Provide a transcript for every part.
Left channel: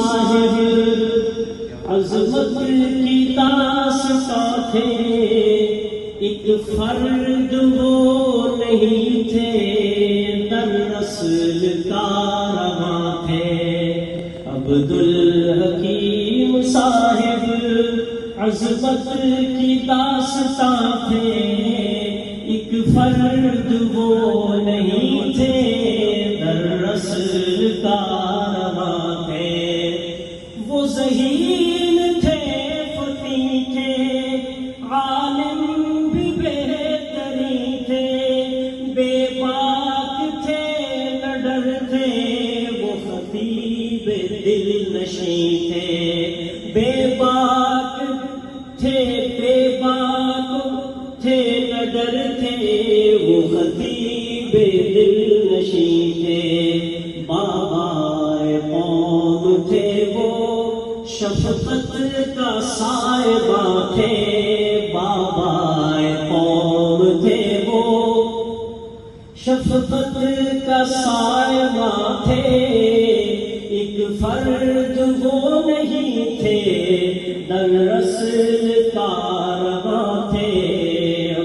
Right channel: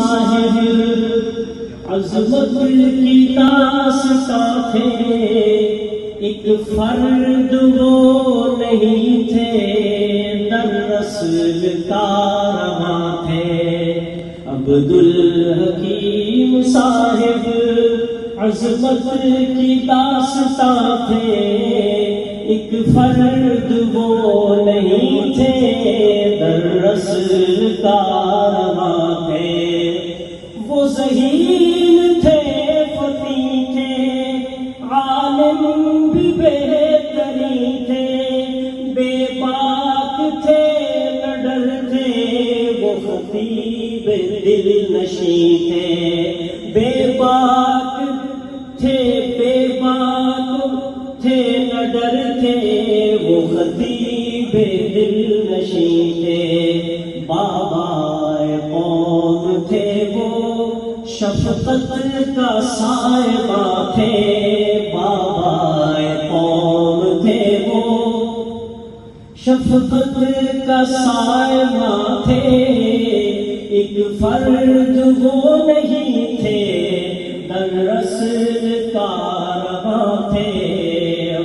صاحب عظمت کی داستان تھے، ایک فرد وہ نہیں تھے، در نسل کارواں تھے۔ عبدالحکیم صاحب عظمت کی داستان تھے، ایک فرد وہ نہیں تھے، در نسل کارواں تھے۔ وہ ذہین تھے فقیہ تھے، عالم بھی بہترین تھے، بے باک تھے نہ ڈر تھے، وہ خطیب دل نشیں تھے، بے باک تھے، بے باک تھے نہ ڈر تھے، وہ خطیب دل نشیں تھے۔ بابائے قوم تھے وہ، شفقت کا صاحبہ تھے، بابائے قوم تھے وہ، شفقت کا صاحبہ تھے، ایک فرد وہ نہیں تھے، در نسل کارواں تھے۔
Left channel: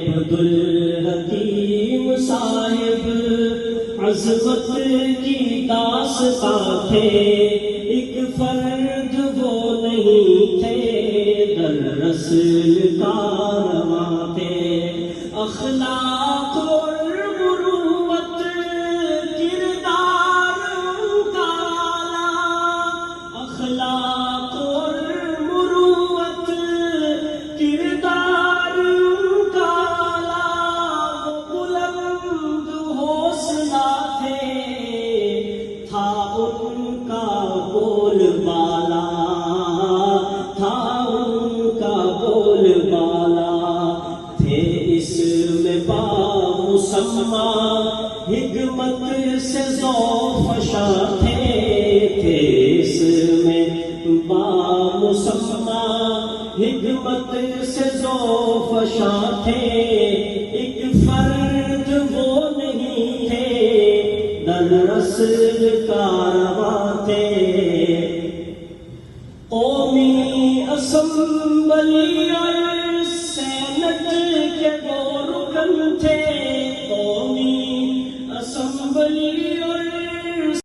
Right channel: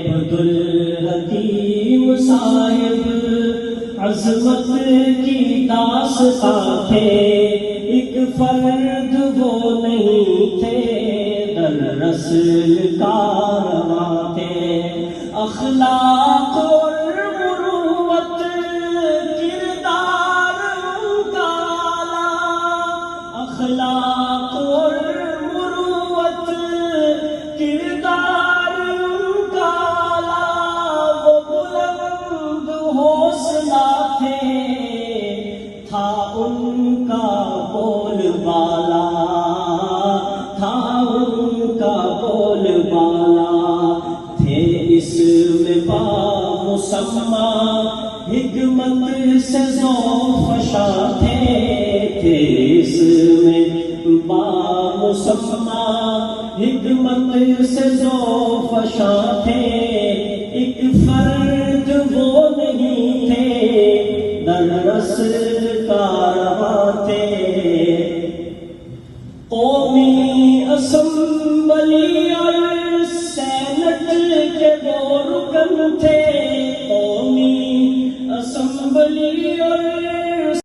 عبدالحکیم صاحب عظمت کی داستان تھے، ایک فرد وہ نہیں تھے، در نسل کارواں تھے۔ اخلاق اور مروت کردار کا اعلیٰ، اخلاق اور مروت کردار کا اعلیٰ، وہ بلند حوصلہ تھے، تھا ان کا بول بالا، تھا ان کا بول بالا، تھے اس میں با مسمہ حکمت سے ذوفشاں تھے، تھے اس میں با مسمہ حکمت سے ذوفشاں تھے، ایک فرد وہ نہیں تھے، در نسل کارواں تھے۔ قومی اسمبلی اور سینٹ کے وہ رکن تھے، قومی اسمبلی اور